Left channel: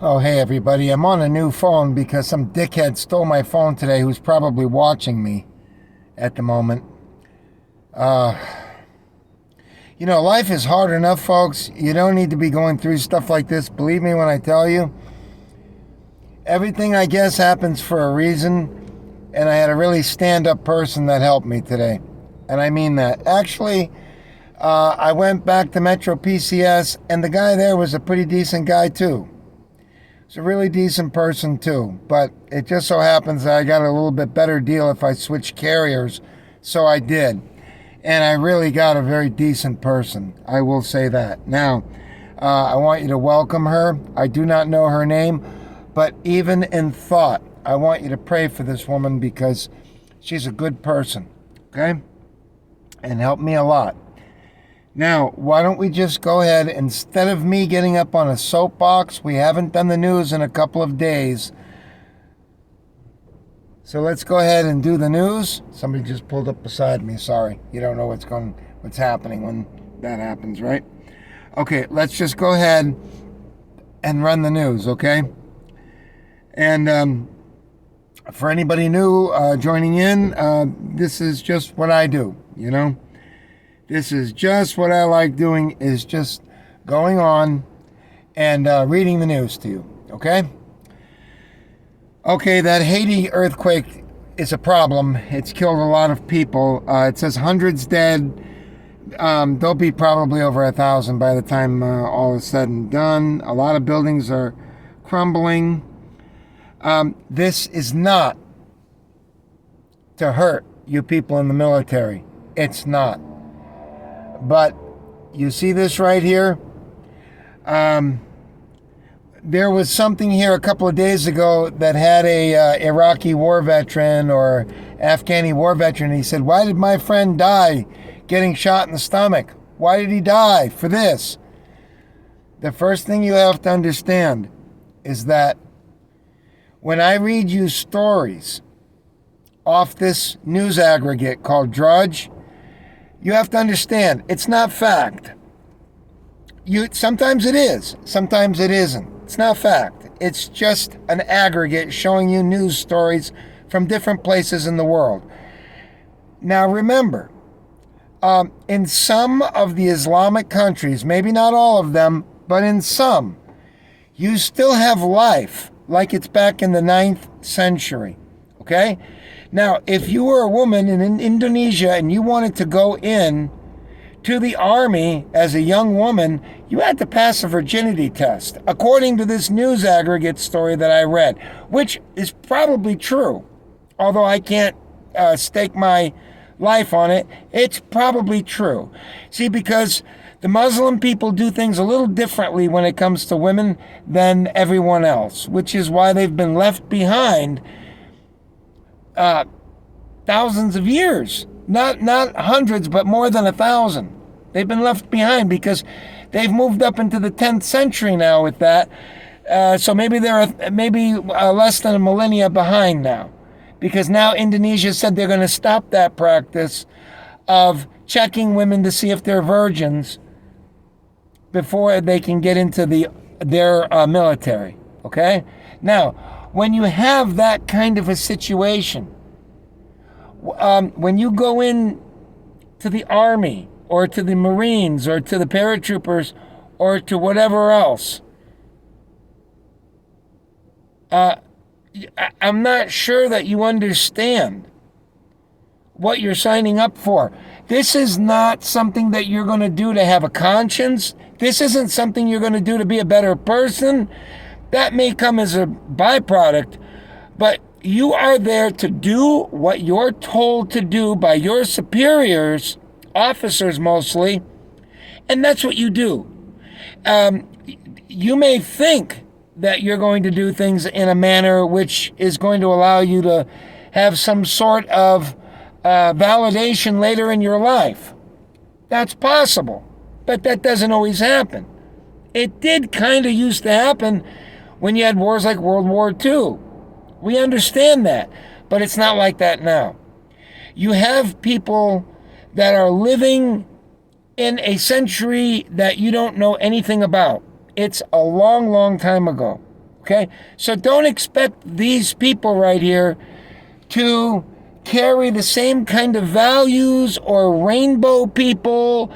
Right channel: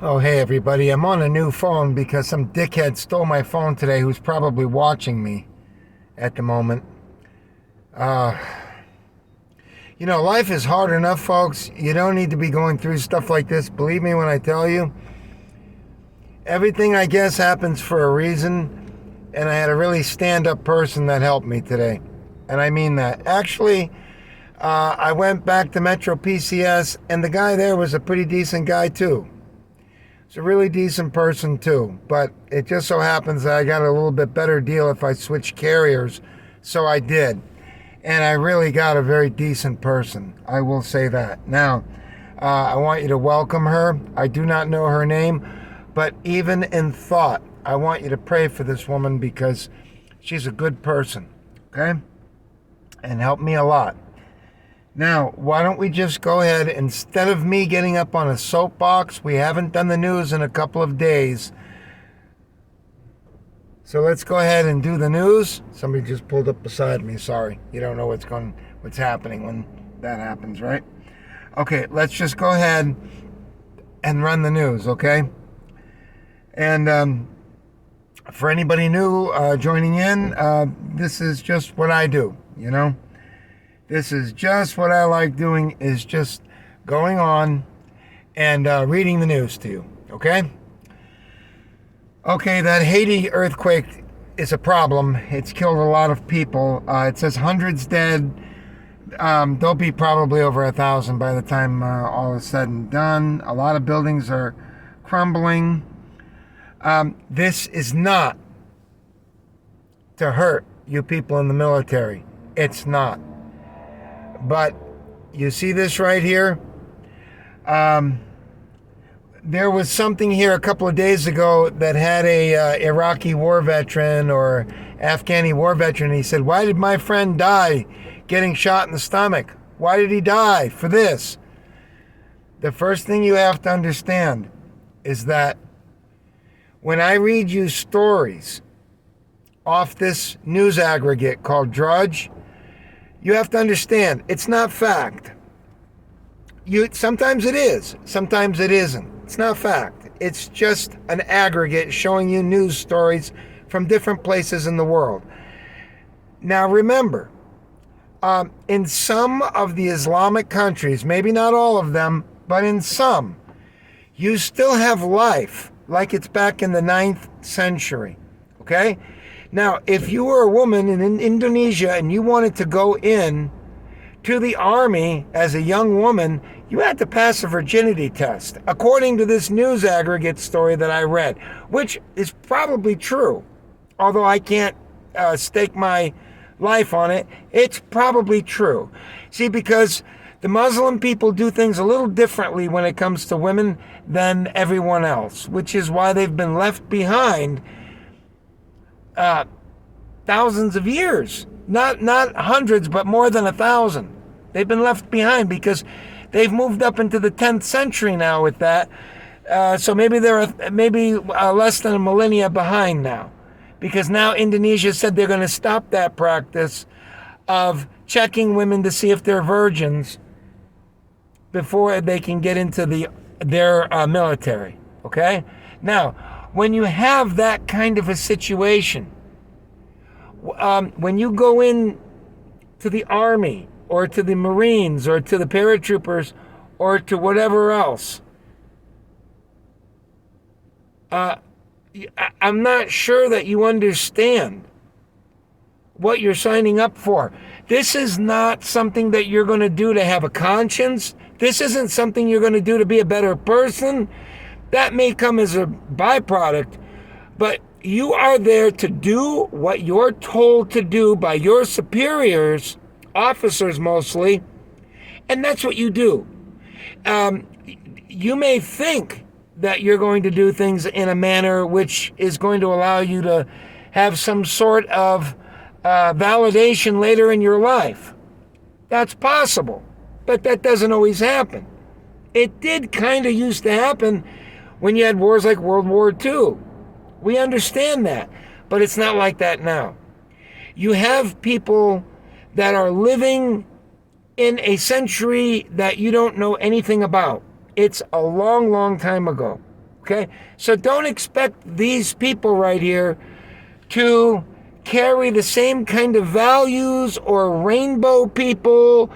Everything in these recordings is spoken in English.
Oh, hey everybody. I'm on a new phone because some dickhead stole my phone today who's probably watching me at the moment. Uh, life is hard enough, folks. You don't need to be going through stuff like this. Believe me when I tell you. Everything, I guess, happens for a reason. And I had a really stand up person that helped me today. And I mean that. Actually, I went back to Metro PCS, and the guy there was a pretty decent guy, too. He's a really decent person too, but it just so happens that I got a little bit better deal if I switched carriers, so I did. And I really got a very decent person, I will say that. Now, I want you to welcome her. I do not know her name, but even in thought, I want you to pray for this woman because she's a good person, okay? And helped me a lot. Now, why don't we just go ahead, instead of me getting up on a soapbox, we haven't done the news in a couple of days. So let's go ahead and do the news. Somebody just pulled up beside me, sorry. You don't know what's happening when that happens, right? Okay, let's just go ahead and run the news, okay? And for anybody new joining in, this is just what I do, you know? This is just what I like doing, is just going on and reading the news to you, okay? Okay, that Haiti earthquake is a problem. It's killed a lot of people. It says hundreds dead. There'll be probably over 1,000 by the time all is said and done. A lot of buildings are crumbling. This is not to hurt you people in the military. It's not. But you see this right here? There was something here a couple of days ago that had a Iraqi war veteran or Afghani war veteran. He said, "Why did my friend die getting shot in the stomach? Why did he die for this?" The first thing you have to understand is that when I read you stories off this news aggregate called Drudge, you have to understand, it's not fact. Sometimes it is, sometimes it isn't. It's not fact. It's just an aggregate showing you news stories from different places in the world. Now remember, in some of the Islamic countries, maybe not all of them, but in some, you still have life like it's back in the 9th century, okay? Now, if you were a woman in Indonesia and you wanted to go in to the army as a young woman, you had to pass a virginity test, according to this news aggregate story that I read, which is probably true. Although I can't stake my life on it, it's probably true. See, because the Muslim people do things a little differently when it comes to women than everyone else, which is why they've been left behind thousands of years, not hundreds, but more than 1,000. They've been left behind because they've moved up into the 10th century now with that. So maybe they're less than a millennia behind now, because now Indonesia said they're going to stop that practice of checking women to see if they're virgins before they can get into their military. Okay? Now, when you have that kind of a situation, when you go in to the Army or to the Marines or to the paratroopers or to whatever else, I'm not sure that you understand what you're signing up for. This is not something that you're going to do to have a conscience. This isn't something you're going to do to be a better person. That may come as a byproduct, but you are there to do what you're told to do by your superiors, officers mostly, and that's what you do. You may think that you're going to do things in a manner which is going to allow you to have some sort of validation later in your life. That's possible, but that doesn't always happen. It did kind of used to happen when you had wars like World War II. We understand that, but it's not like that now. You have people that are living in a century that you don't know anything about. It's a long, long time ago. Okay? So don't expect these people right here to carry the same kind of values or rainbow people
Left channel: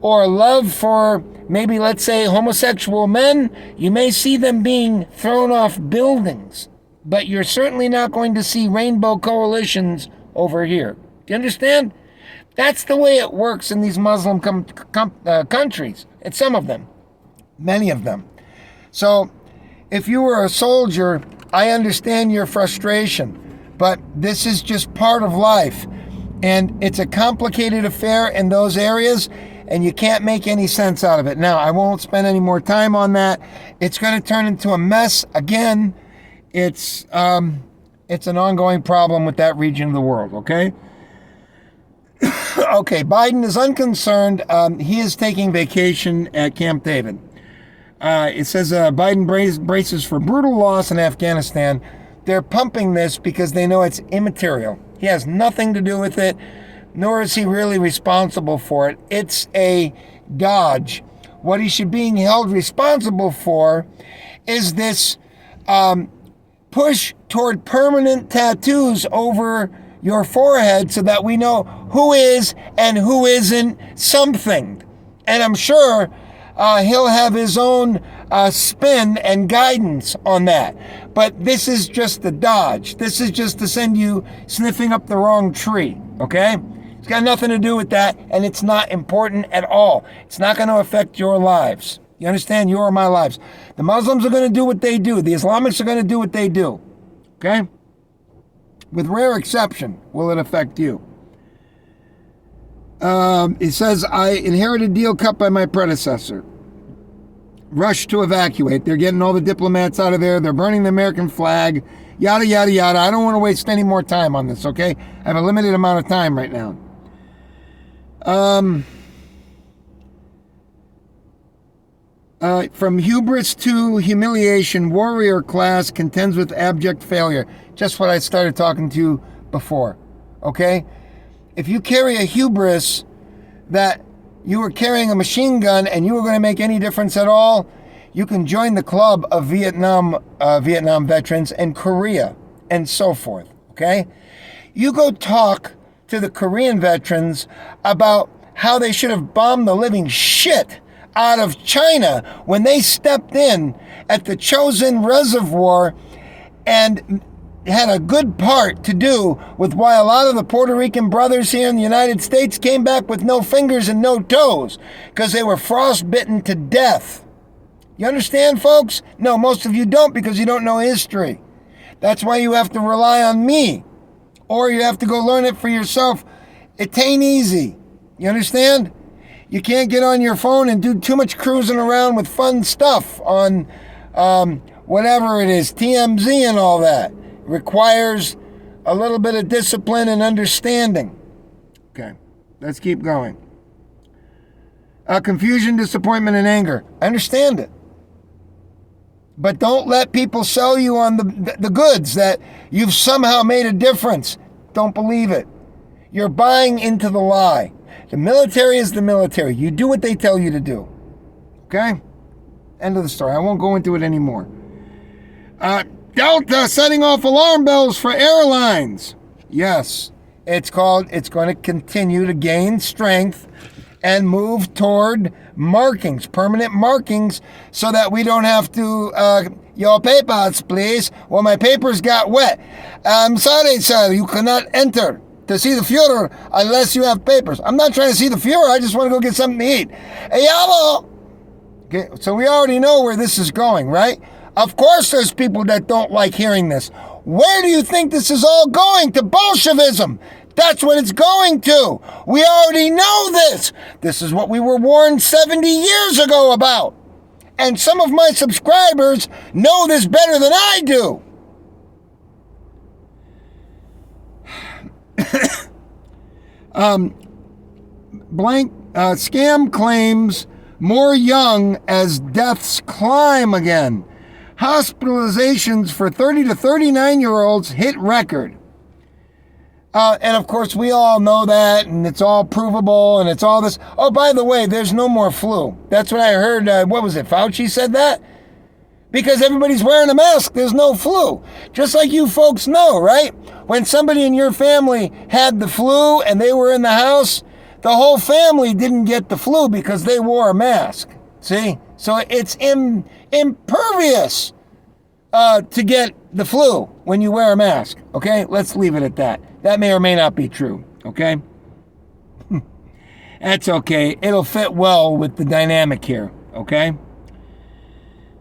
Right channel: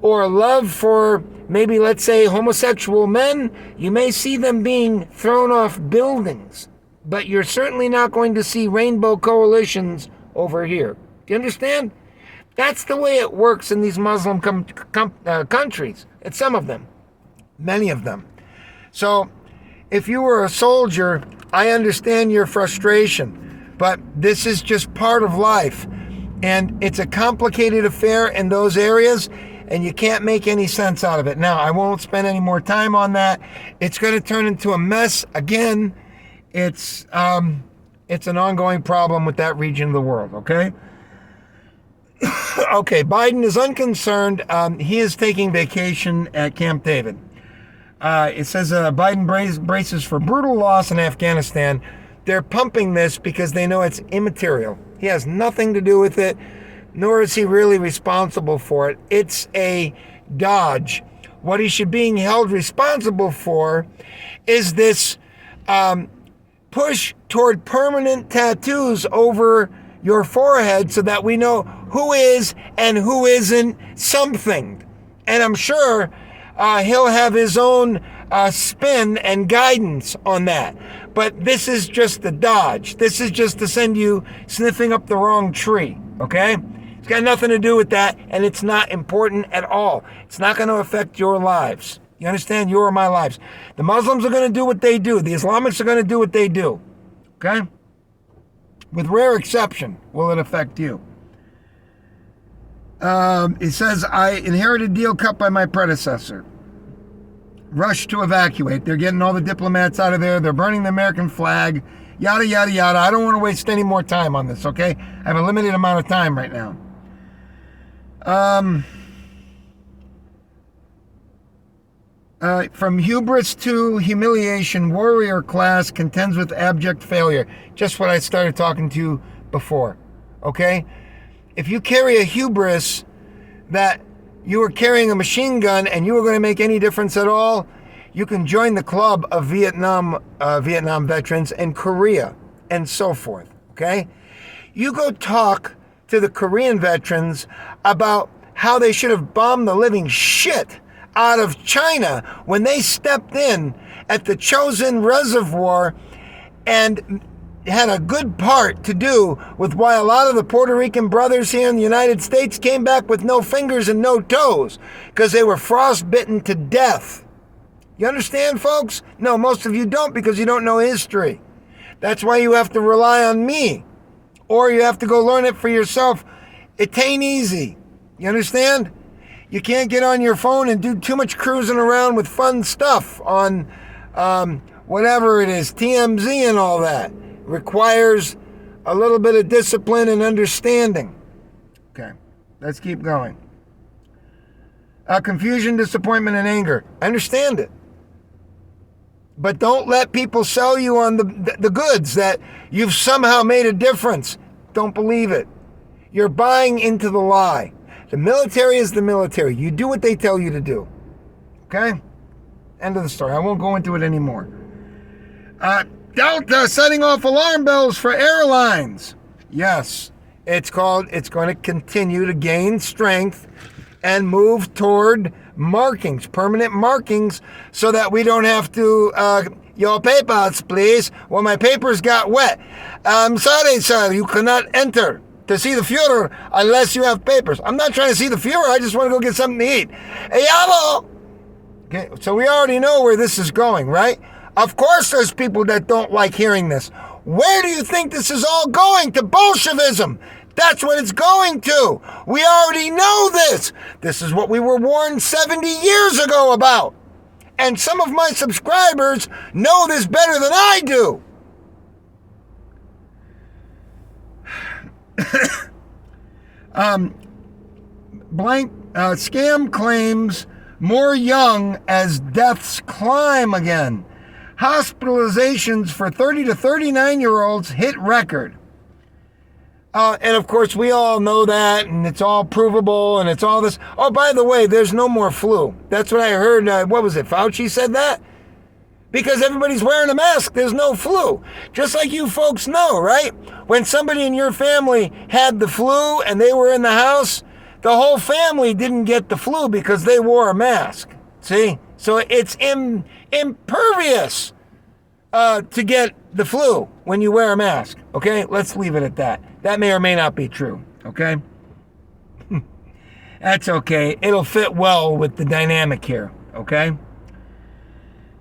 or love for maybe, let's say, homosexual men. You may see them being thrown off buildings, but you're certainly not going to see rainbow coalitions over here. Do you understand? That's the way it works in these Muslim countries. It's some of them, many of them. So if you were a soldier, I understand your frustration, but this is just part of life. And it's a complicated affair in those areas, and you can't make any sense out of it. Now, I won't spend any more time on that. It's going to turn into a mess again. It's an ongoing problem with that region of the world, okay? Okay, Biden is unconcerned. He is taking vacation at Camp David. It says Biden braces for brutal loss in Afghanistan. They're pumping this because they know it's immaterial. He has nothing to do with it, nor is he really responsible for it. It's a dodge. What he should be held responsible for is this push toward permanent tattoos over your forehead so that we know who is and who isn't something. And I'm sure he'll have his own spin and guidance on that. But this is just a dodge. This is just to send you sniffing up the wrong tree, okay? It's got nothing to do with that, and it's not important at all. It's not going to affect your lives. You understand? Your or my lives. The Muslims are going to do what they do. The Islamics are going to do what they do, okay? With rare exception, will it affect you? It says, I inherited deal cut by my predecessor. Rush to evacuate. They're getting all the diplomats out of there. They're burning the American flag. Yada, yada, yada. I don't want to waste any more time on this, okay? I have a limited amount of time right now. From hubris to humiliation, warrior class contends with abject failure. Just what I started talking to you before, okay? If you carry a hubris that you were carrying a machine gun and you were going to make any difference at all, you can join the club of Vietnam veterans and Korea and so forth, okay? You go talk to the Korean veterans about how they should have bombed the living shit out of China when they stepped in at the Chosin Reservoir and had a good part to do with why a lot of the Puerto Rican brothers here in the United States came back with no fingers and no toes because they were frostbitten to death. You understand, folks? No, most of you don't because you don't know history. That's why you have to rely on me, or you have to go learn it for yourself. It ain't easy. You understand? You can't get on your phone and do too much cruising around with fun stuff on whatever it is, TMZ and all that. Requires a little bit of discipline and understanding. Okay, let's keep going. Confusion, disappointment, and anger. I understand it. But don't let people sell you on the goods that you've somehow made a difference. Don't believe it. You're buying into the lie. The military is the military. You do what they tell you to do. Okay? End of the story. I won't go into it anymore. Delta setting off alarm bells for airlines. Yes, it's going to continue to gain strength and move toward markings, permanent markings, so that we don't have to, your papers, please. Well, my papers got wet. I'm sorry, sir, you cannot enter to see the Fuhrer unless you have papers. I'm not trying to see the Fuhrer, I just want to go get something to eat. Hey, yellow! Okay, so we already know where this is going, right? Of course there's people that don't like hearing this. Where do you think this is all going? To Bolshevism. That's what it's going to. We already know this. This is what we were warned 70 years ago about. And some of my subscribers know this better than I do. Scam claims more young as deaths climb again. Hospitalizations for 30 to 39-year-olds hit record. And of course, we all know that, and it's all provable, and it's all this. Oh, by the way, there's no more flu. That's what I heard. What was it? Fauci said that? Because everybody's wearing a mask. There's no flu. Just like you folks know, right? When somebody in your family had the flu and they were in the house, the whole family didn't get the flu because they wore a mask. See? So it's impervious to get the flu when you wear a mask. Okay? Let's leave it at that. That may or may not be true. Okay? That's okay. It'll fit well with the dynamic here. Okay?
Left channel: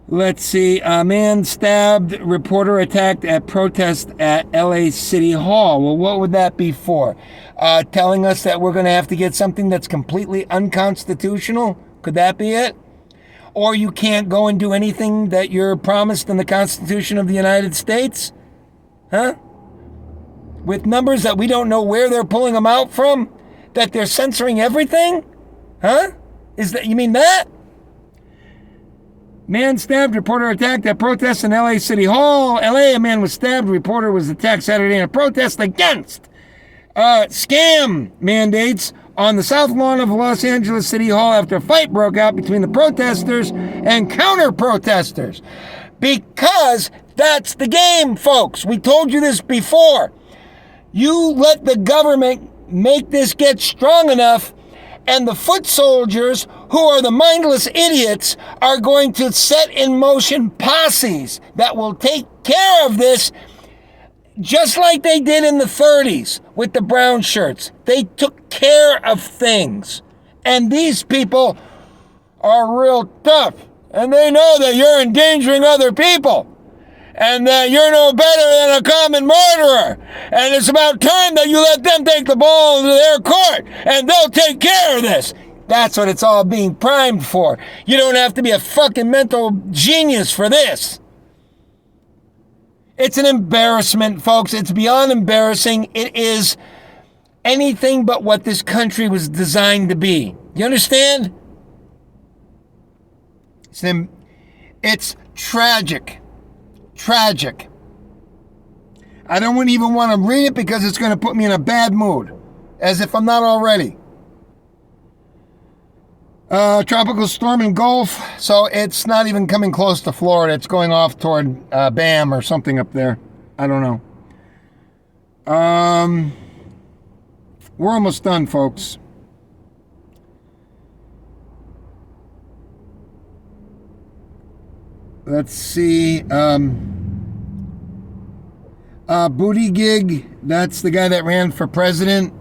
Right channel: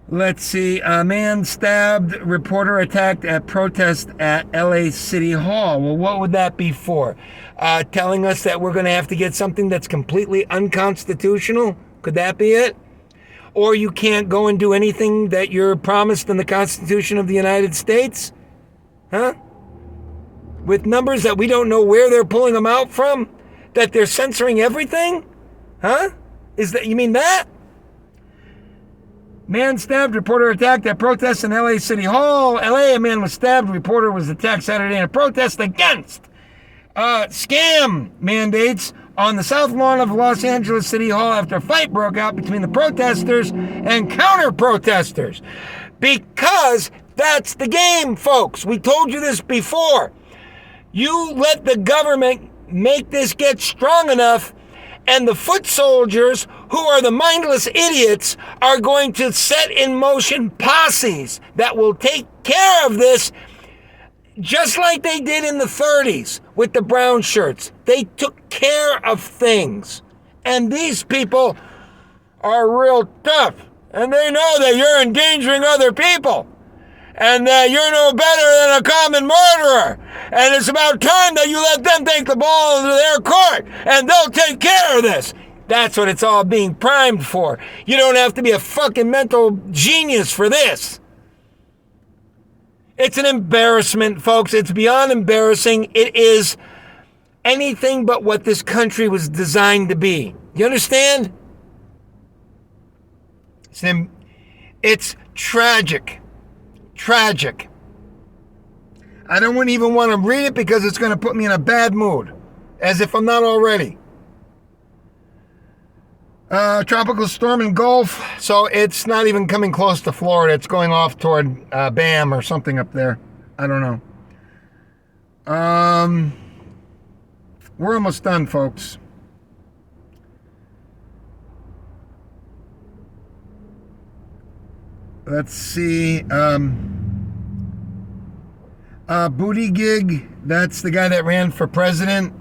Let's see. A man stabbed, reporter attacked at protest at LA City Hall. Well, what would that be for? Telling us that we're going to have to get something that's completely unconstitutional? Could that be it? Or you can't go and do anything that you're promised in the Constitution of the United States? Huh? With numbers that we don't know where they're pulling them out from? That they're censoring everything? Huh? You mean that? Man stabbed, reporter attacked at protest in LA City Hall. LA, a man was stabbed, reporter was attacked Saturday in a protest against scam mandates on the south lawn of Los Angeles City Hall after a fight broke out between the protesters and counter-protesters. Because that's the game, folks. We told you this before. You let the government make this get strong enough, and the foot soldiers, who are the mindless idiots, are going to set in motion posses that will take care of this, just like they did in the 30s with the brown shirts. They took care of things. And these people are real tough. And they know that you're endangering other people. And that you're no better than a common murderer. And it's about time that you let them take the ball into their court. And they'll take care of this. That's what it's all being primed for. You don't have to be a fucking mental genius for this. It's an embarrassment, folks. It's beyond embarrassing. It is anything but what this country was designed to be. You understand? It's tragic. Tragic. I don't even want to read it because it's going to put me in a bad mood. As if I'm not already. Tropical storm in Gulf. So it's not even coming close to Florida. It's going off toward Bam or something up there. I don't know. We're almost done, folks. Let's see. Buttigieg, that's the guy that ran for president.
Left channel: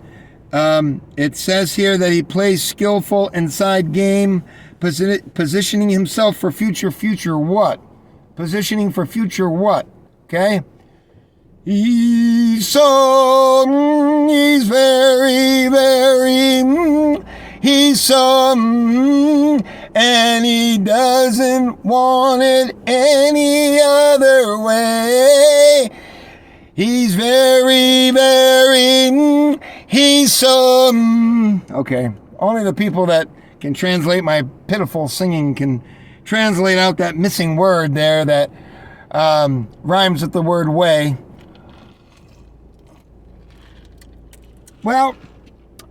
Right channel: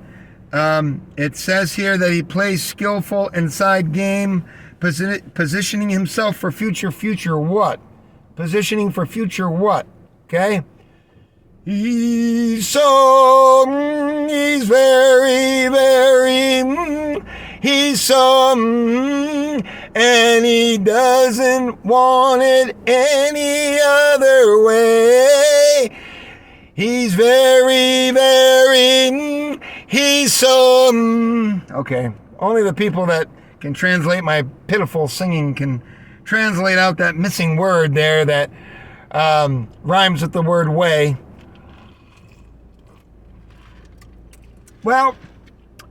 It says here that he plays skillful inside game, positioning himself for future what? Positioning for future what? Okay? He's so, and he doesn't want it any other way. He's he's so, okay. Only the people that can translate my pitiful singing can translate out that missing word there that rhymes with the word way. Well,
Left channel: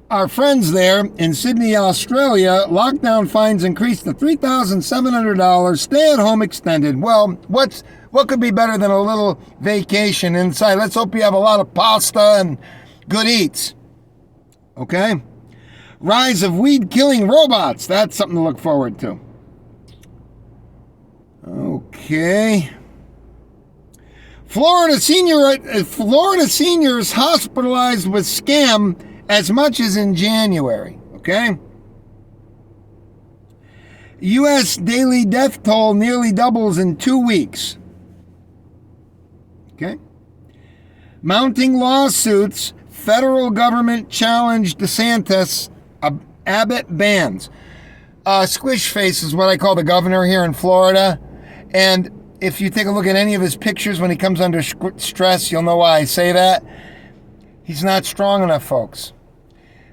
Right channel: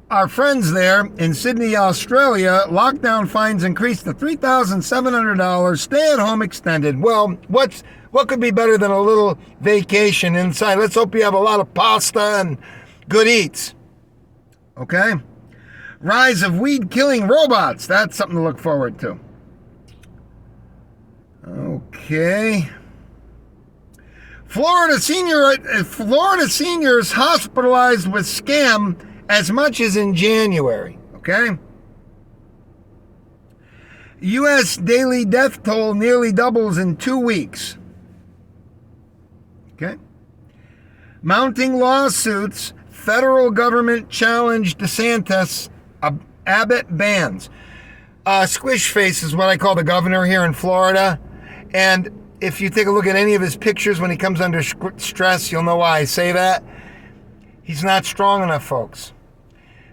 our friends there in Sydney, Australia, lockdown fines increased to $3,700, stay-at-home extended. Well, what could be better than a little vacation inside? Let's hope you have a lot of pasta and good eats. Okay? Rise of weed-killing robots. That's something to look forward to. Okay. Florida seniors hospitalized with scam as much as in January. Okay? U.S. daily death toll nearly doubles in 2 weeks. Okay? Mounting lawsuits, federal government challenged DeSantis, Abbott bans. Squish Face is what I call the governor here in Florida. And if you take a look at any of his pictures when he comes under stress, you'll know why I say that. He's not strong enough, folks.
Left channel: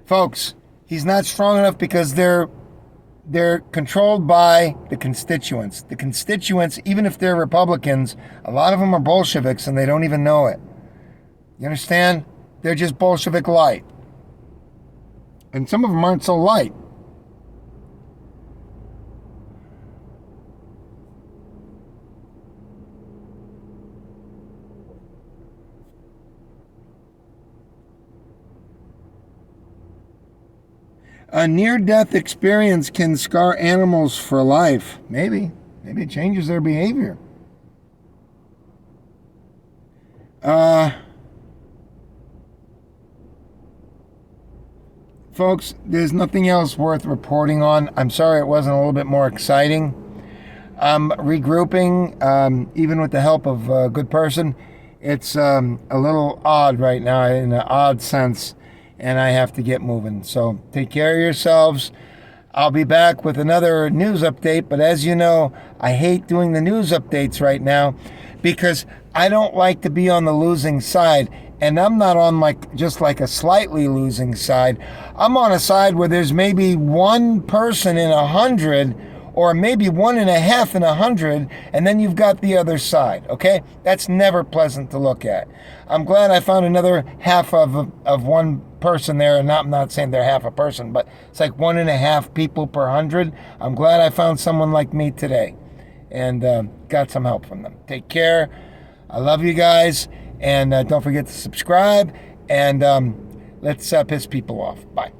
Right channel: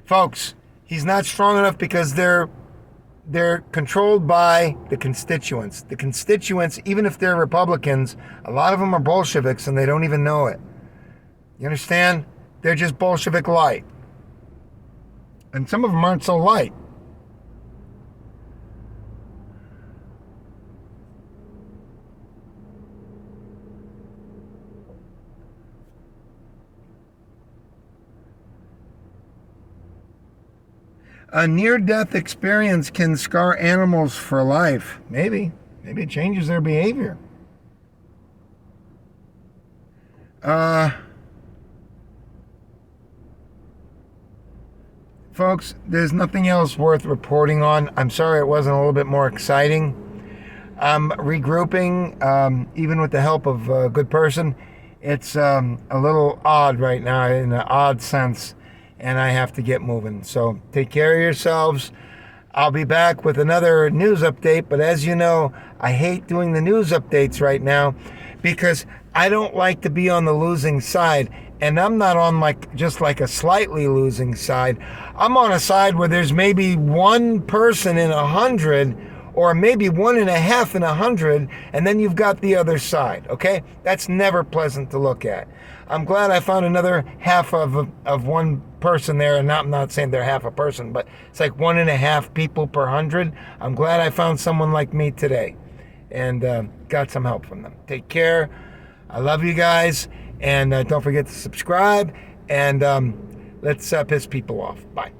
Folks, he's not strong enough because they're controlled by the constituents. The constituents, even if they're Republicans, a lot of them are Bolsheviks and they don't even know it. You understand? They're just Bolshevik light. And some of them aren't so light. A near-death experience can scar animals for life. Maybe it changes their behavior. Folks, there's nothing else worth reporting on. I'm sorry it wasn't a little bit more exciting. I'm regrouping, even with the help of a good person. It's a little odd right now, in an odd sense, and I have to get moving. So take care of yourselves. I'll be back with another news update, but as you know, I hate doing the news updates right now because I don't like to be on the losing side. And I'm not on just a slightly losing side. I'm on a side where there's maybe one person in 100, or maybe 1.5 in 100, and then you've got the other side, okay? That's never pleasant to look at. I'm glad I found another half of one person there, and I'm not saying they're half a person, but it's like 1.5 people per 100. I'm glad I found someone like me today and got some help from them. Take care. I love you guys. And don't forget to subscribe, and let's piss people off. Bye.